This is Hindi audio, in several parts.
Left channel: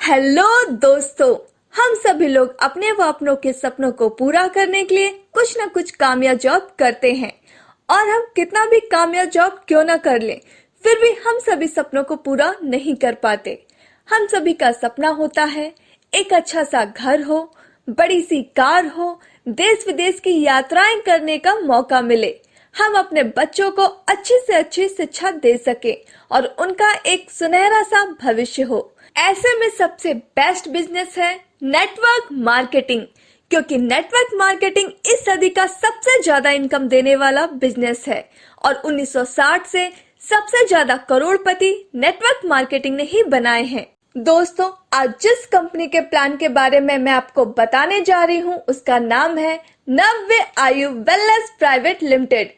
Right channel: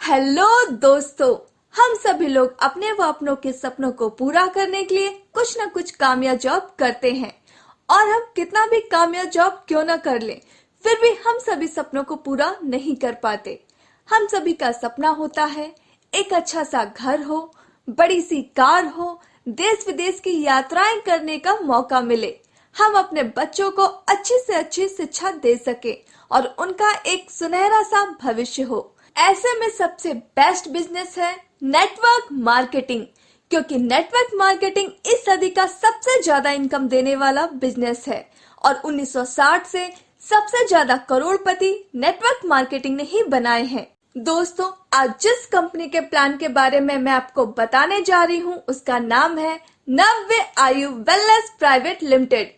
हेलो दोस्तों। हम सभी लोग अपने व अपनों के सपनों को पूरा करने के लिए कुछ न कुछ कामयाब जॉब करते हैं और हम कितना भी कामयाब जॉब क्यों न कर लें, फिर भी हम सभी सपनों को पूरा नहीं कर पाते। हम सभी का सपना होता है एक अच्छा सा घर हो, बड़ी सी कार हो, देश विदेश की यात्राएं करने का मौका मिले, हम अपने बच्चों को अच्छी से अच्छी शिक्षा दे सके और उनका एक सुनहरा सा भविष्य हो। ऐसे में सबसे बेस्ट बिजनेस है नेटवर्क मार्केटिंग, क्योंकि नेटवर्क मार्केटिंग इस सदी का सबसे ज्यादा इनकम देने वाला बिजनेस है और 1960 से सबसे ज्यादा करोड़पति नेटवर्क मार्केटिंग ने ही बनाए हैं। दोस्तों, आज जिस कंपनी के प्लान के बारे में मैं आपको बताने जा रही हूँ उसका नाम है नव्य आयु वेलनेस प्राइवेट लिमिटेड।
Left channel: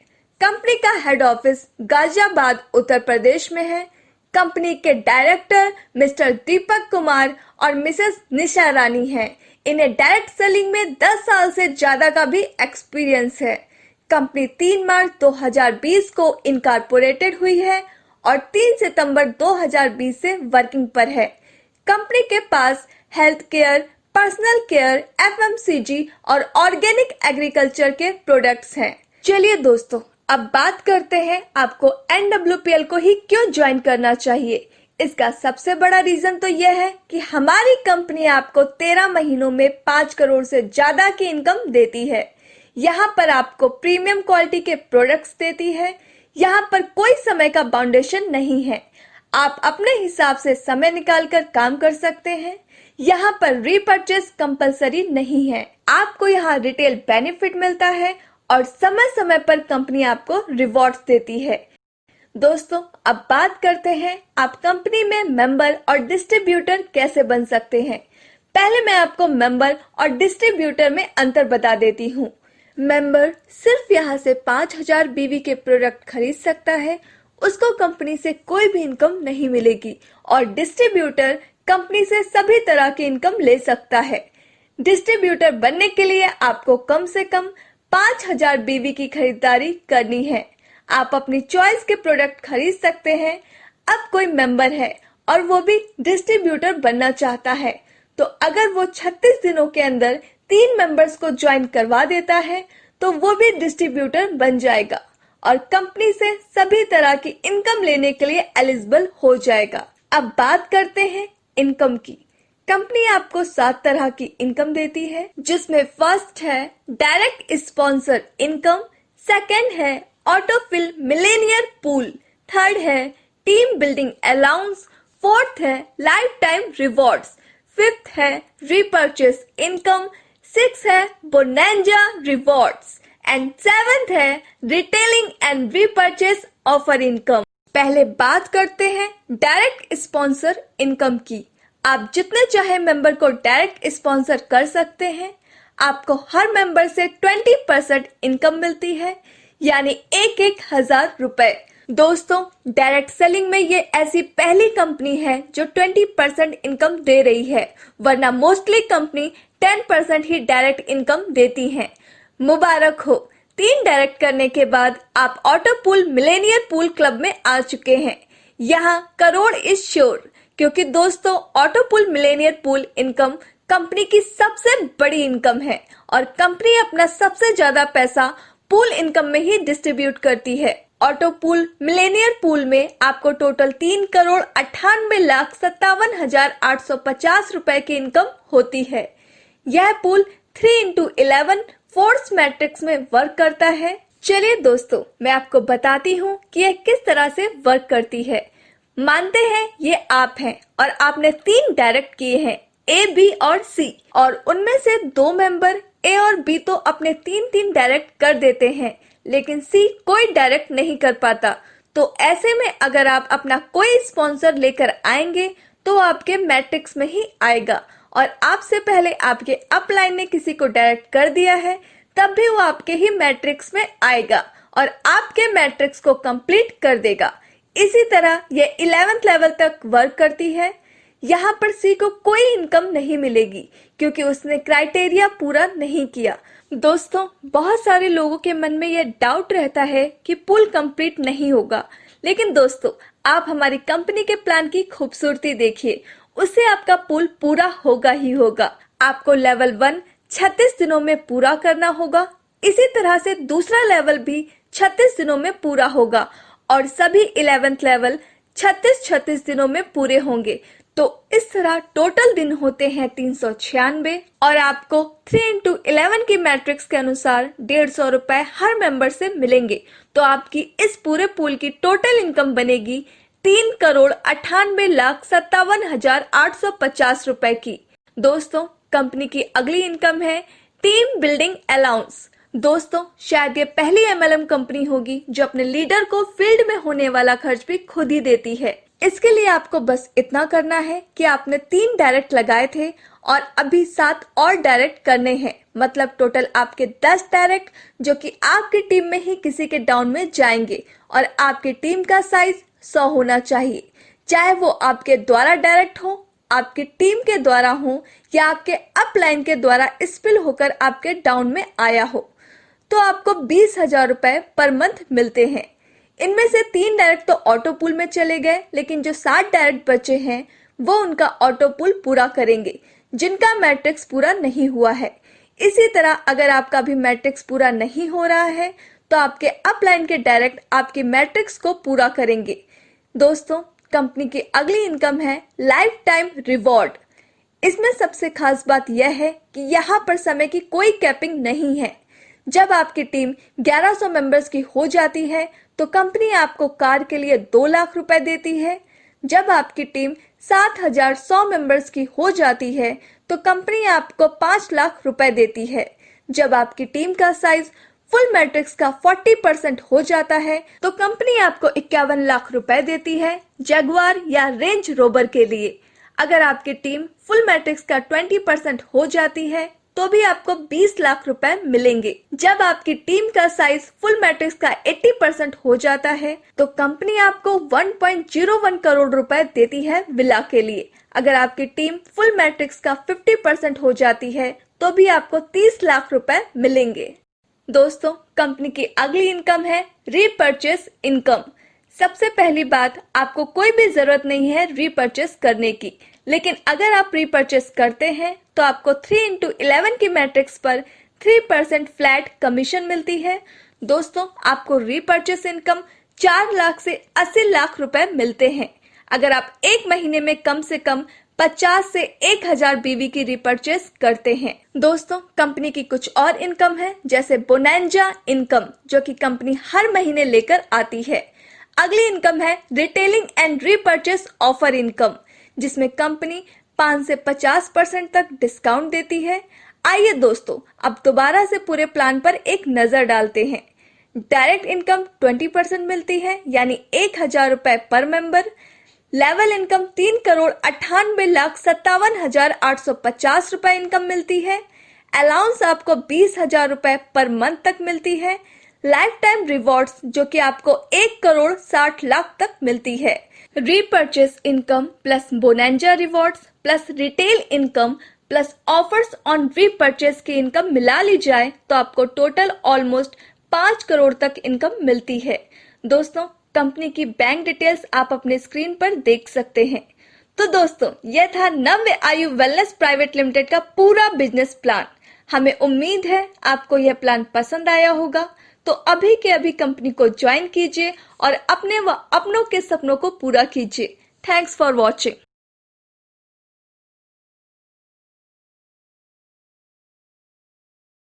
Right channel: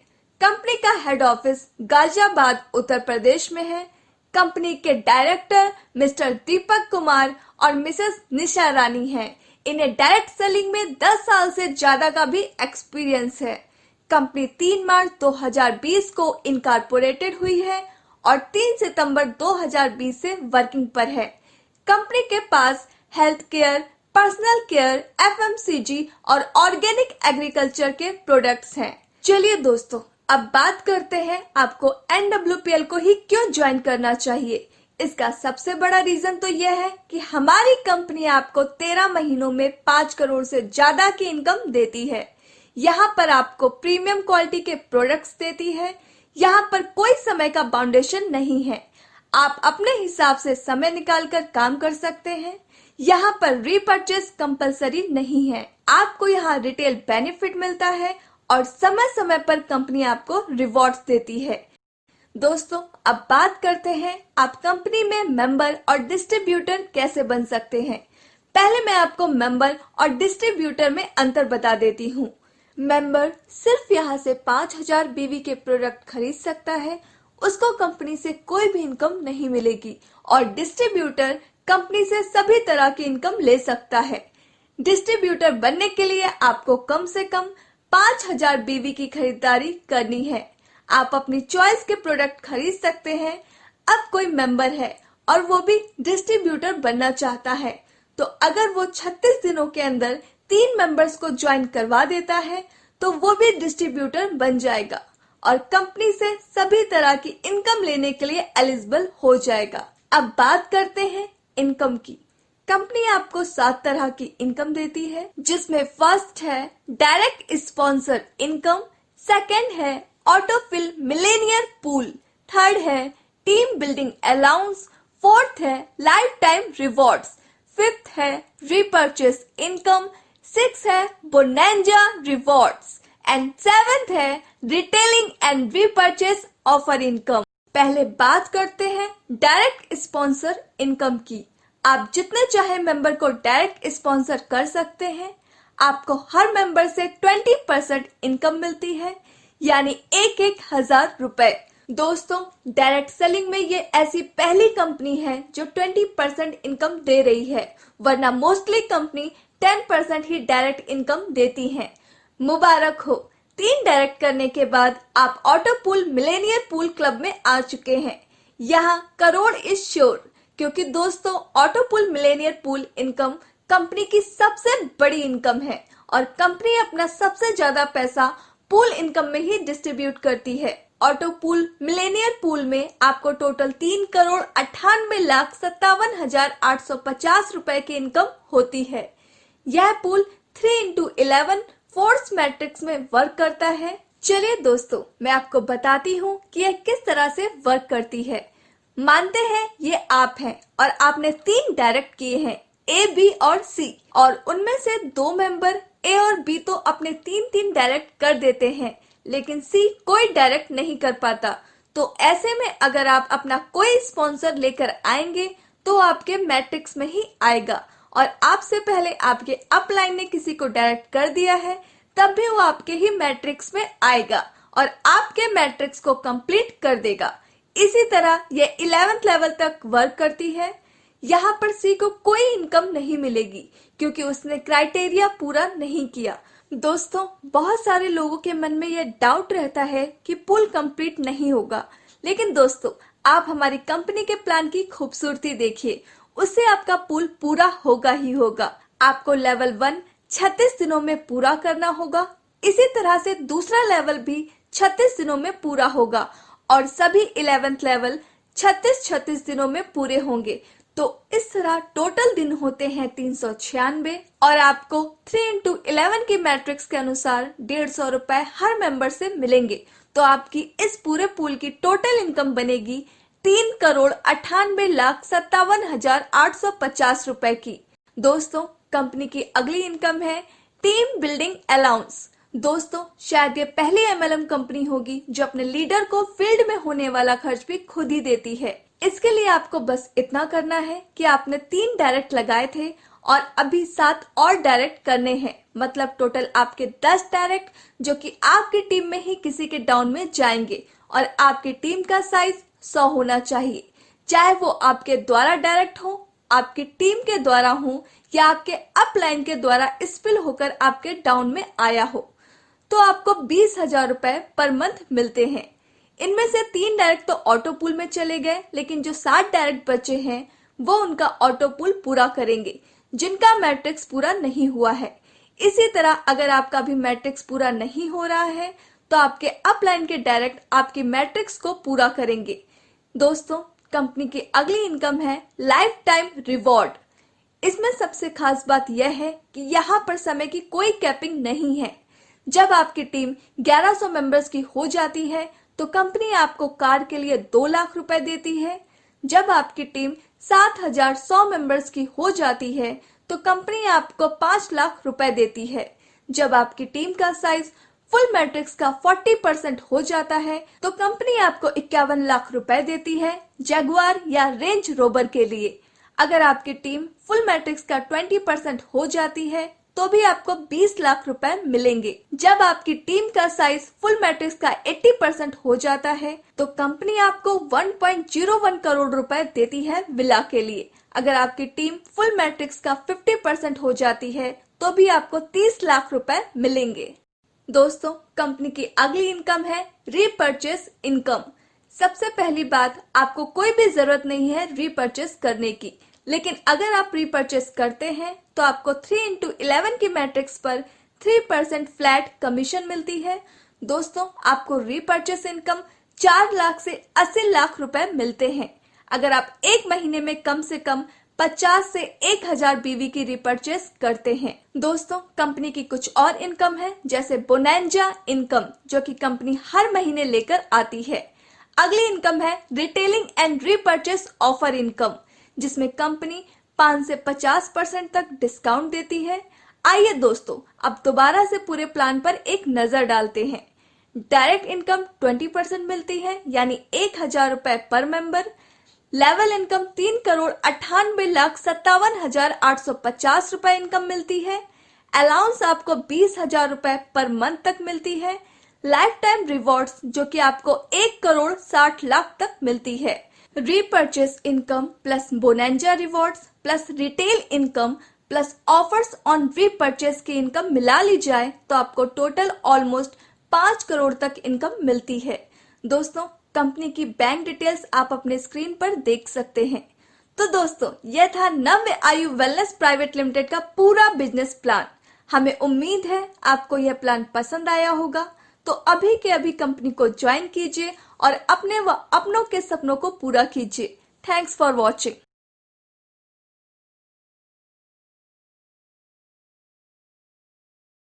कंपनी का हेड ऑफिस गाजियाबाद उत्तर प्रदेश में है। कंपनी के डायरेक्टर मिस्टर दीपक कुमार और मिसेस निशा रानी हैं। इन्हें डायरेक्ट सेलिंग में 10 साल से ज्यादा का भी एक्सपीरियंस है। कंपनी 3 मार्च 2020 को इनकॉर्पोरेटेड हुई है और 3 सितंबर 2020 से वर्किंग पर है। कंपनी के पास health care, personal care, FMCG और ऑर्गेनिक एग्रीकल्चर के प्रोडक्ट्स हैं। चलिए दोस्तों, अब बात करते हैं आपको NWPL को ही क्यों ज्वाइन करना चाहिए। इसका सबसे बड़ा रीजन तो यह है कि हमारी कंपनी आपको 13 महीनों में 5 करोड़ से ज्यादा की इनकम देती है। यहाँ पर आपको प्रीमियम क्वालिटी के प्रोडक्ट्स देती है। यहाँ पर कोई समय का बाउंडेशन नहीं है, आप अपने हिसाब से समय निकाल कर काम कर सकते हैं। यहाँ पर रीपर्चेस कंपलसरी नहीं है। आपको यहाँ रिटेल बेनिफिट मिलता है और समय समय पर कंपनी आपको रिवॉर्ड्स देती है। दोस्तों, अब बात करते हैं आप कंपनी में मेंबर और डिस्ट्रीब्यूटर कैसे बन सकते हैं। पहले मैं आपको मेंबर और डिस्ट्रीब्यूटर में अंतर बता देती हूँ। मेंबर सिर्फ यहाँ से 5000 बीवी के प्रोडक्ट खरीद सकता है, उसको कंपनी से कोई भी इनकम नहीं मिलेगी। और डिस्ट्रीब्यूटर कंपनी से सभी तरह की इनकम ले सकता है। डिस्ट्रीब्यूटर बनने के लिए आपको कम से कम 5000 बीवी की खरीदारी करनी है। आप अपनी चॉइस के प्रोडक्ट खरीद सकते हैं। अब कोई मेंबर है और वो भी डिस्ट्रीब्यूटर बनना चाहता है, तो अगर वो 36 दिनों के अंदर 3 मेंबर्स को ज्वाइन करवा देता है तो वो भी डिस्ट्रीब्यूटर बन जाएगा और कंपनी से सभी तरह की इनकम लेने के लिए एलिजिबल हो जाएगा। अब बात करते हैं इनकम की। कंपनी आपको 7 तरह की इनकम देती है, जिसमें फर्स्ट है डायरेक्ट स्पॉन्सर इनकम, सेकंड है ऑटोफिल मिलेनियर पूल, थर्ड है टीम बिल्डिंग अलाउंस, फोर्थ है लाइफ टाइम रिवॉर्ड्स, फिफ्थ है रीपर्चेस इनकम, सिक्स है बोनेंजा रिवॉर्ड्स एंड सेवेंथ है retailing and repurchase offer income. पहले बात करते हैं डायरेक्ट स्पॉन्सर इनकम की। आप जितने चाहे मेंबर को डायरेक्ट स्पॉन्सर कर सकते हैं। आपको हर मेंबर से 20% इनकम मिलती है, यानी 1,000 रुपए। दोस्तों, डायरेक्ट सेलिंग में ये ऐसी पहली कंपनी है जो 20% इनकम दे रही है, वरना मोस्टली कंपनी 10% ही डायरेक्ट इनकम देती है। मुबारक हो, 3 डायरेक्ट करने के बाद आप auto pool Millionaire pool club में आ चुके हैं। यहाँ करोड़ इज श्योर, क्योंकि दोस्तों auto pool Millionaire pool income company की सबसे बड़ी इनकम है और कंपनी अपना सबसे ज्यादा पैसा पूल इनकम में ही डिस्ट्रीब्यूट करती है। ऑटो पूल मिलेनियर पूल में आपको टोटल 3,98,57,850 रुपए की इनकम होती है। यह पूल 3x11 फोर्स मैट्रिक्स में वर्क करता है। चलिए दोस्तों, मैं आपको बताती हूँ कि यह किस तरह से वर्क करती है। मानते हैं ये आप हैं और आपने 3 डायरेक्ट किए हैं, A, B और C, और उनमें से 2 मेंबर A और B तो अपने 3 डायरेक्ट कर देते हैं, लेकिन C कोई डायरेक्ट नहीं कर पाता। तो ऐसे में अगर आप अपना कोई स्पॉन्सर लेकर आएंगे तो आपके मैट्रिक्स में ही आएगा, और आपसे पहले आपके अपलाइन ने किसी को डायरेक्ट कर दिया है तब भी वो आपके ही मैट्रिक्स में आएगा और आपके मैट्रिक्स को कंप्लीट कर देगा। इसी तरह ये 11th लेवल तक वर्क करती है। यहाँ पर C को कोई इनकम नहीं मिलेगी क्योंकि उसने क्राइटेरिया पूरा नहीं किया। दोस्तों, बहुत सारे लोगों के मन में यह डाउट रहता है कि पूल कंप्लीट नहीं होगा, लेकिन दोस्तों आप हमारी कंपनी के प्लान की खूबसूरती देखिए। उससे आपका पूल पूरा होगा ही होगा। आपको लेवल 1 36 दिनों में पूरा करना होगा। इसी तरह से दूसरा लेवल भी 36 दिनों में पूरा होगा और सभी 11th लेवल 36 दिनों में पूरे होंगे। तो इस तरह टोटल दिन होते हैं 396 और आपको 3x11 की मैट्रिक्स के अनुसार 150 रुपए हर मेंबर से मिलेंगे। तो आपकी इस पूरे पूल की टोटल इनकम बनेगी 3,98,57,850 रुपए की। दोस्तों, कंपनी की अगली इनकम है टीम बिल्डिंग अलाउंस। दोस्तों, शायद ये पहली एमएलएम कंपनी होगी जो अपने लीडर को फील्ड में होने वाला खर्च भी खुद ही देती है। इसके लिए आपको बस इतना करना है कि आपने 3 डायरेक्ट लगाए थे और अभी 7 और डायरेक्ट करने हैं। मतलब टोटल आपके 10 डायरेक्ट जो कि आपकी टीम में ही किसी के डाउन में जाएंगे और आपकी टीम का साइज 100 होना चाहिए। चाहे वो आपके द्वारा डायरेक्ट हो, आपकी टीम के द्वारा हो या आपके अपलाइन के द्वारा स्पिल होकर आपके डाउन में आया हो, तो आपको 20,000 रुपए पर मंथ मिलते हैं। इनमें से 3 डायरेक्ट तो ऑटो पूल में चले गए, लेकिन जो 7 डायरेक्ट बचे हैं वो उनका ऑटो पूल पूरा करेंगे जिनका मैट्रिक्स पूरा नहीं हुआ है। इसी तरह अगर आपका भी मैट्रिक्स पूरा नहीं हो रहा है तो आपके अपलाइन के डायरेक्ट आपकी मैट्रिक्स को पूरा करेंगे। दोस्तों, कंपनी की अगली इनकम है लाइफ टाइम रिवॉर्ड। इसमें सबसे खास बात यह है कि यहाँ पर समय की कोई कैपिंग नहीं है। जब आपकी टीम 1100 मेंबर्स की हो जाती है तो कंपनी आपको कार के लिए 2 लाख रुपए देती है। जब आपकी टीम 7,100 मेंबर्स की हो जाती है तो कंपनी आपको 5 लाख रुपए देती है। जब आपकी टीम का साइज फुल मैट्रिक्स का 40% हो जाता है तो कंपनी आपको 51 लाख रुपए देती है जगुआर या रेंज रोवर के लिए। अगर आपकी टीम फुल मैट्रिक्स का 20% हो जाती है तो भी आपको 20 लाख रुपए मिलेंगे। जब आपकी टीम का साइज फुल मैट्रिक्स का 80% हो जाता है तो कंपनी आपको 1.01 करोड़ रुपए देती है विला के लिए। अगर आपकी टीम फुल मैट्रिक्स का 50% हो जाती है तो भी आपको 30 लाख रुपए मिलेंगे। दोस्तों, कंपनी की अगली इनकम है रीपर्चेस इनकम। सबसे पहली बात, आपको कोई भी जरूरत नहीं है रीपर्चेस करने की, लेकिन अगर आप रीपर्चेस करते हैं तो आपको 3x11 की मैट्रिक्स पर 3% फ्लैट कमीशन मिलती है। दोस्तों, आपको रीपर्चेस इनकम 4 लाख से 80 लाख रुपए मिलते हैं अगर आप एक महीने में कम से कम 50 से 1000 बीवी की रीपर्चेस करते हैं। दोस्तों, कंपनी की कुछ और इनकम है जैसे बोनेंजा इनकम जो कि कंपनी हर महीने लेकर आती है। अगली इनकम है retailing and repurchase offer income जिसमें कंपनी 5 से 50% तक डिस्काउंट देती है। आइए दोस्तों, अब दोबारा से पूरे प्लान पर एक नजर डालते हैं। डायरेक्ट इनकम 20% मिलती है यानी 1,000 रुपए पर मेंबर। लेवल इनकम 3,98,57,850 रुपए इनकम मिलती है। अलाउंस आपको 20,000 रुपए पर मंथ तक मिलती है। लाइफ टाइम रिवॉर्ड्स जो कि आपको 1,60,00,000 तक मिलती है। Repurchase income plus bonanza rewards plus retail income plus offers on repurchase की इनकम मिला ली जाए तो आपको टोटल ऑलमोस्ट 5 करोड़ तक इनकम मिलती है। दोस्तों, कंपनी की बैंक डिटेल्स आप अपने स्क्रीन पर देख सकते हैं। तो दोस्तों, यह था नव्य आयु वेलनेस प्राइवेट लिमिटेड का पूरा बिजनेस प्लान। हमें उम्मीद है आपको यह प्लान पसंद आया होगा। तो अभी के अभी कंपनी को ज्वाइन कीजिए और अपने व अपनों के सपनों को पूरा कीजिए। Thanks for watching.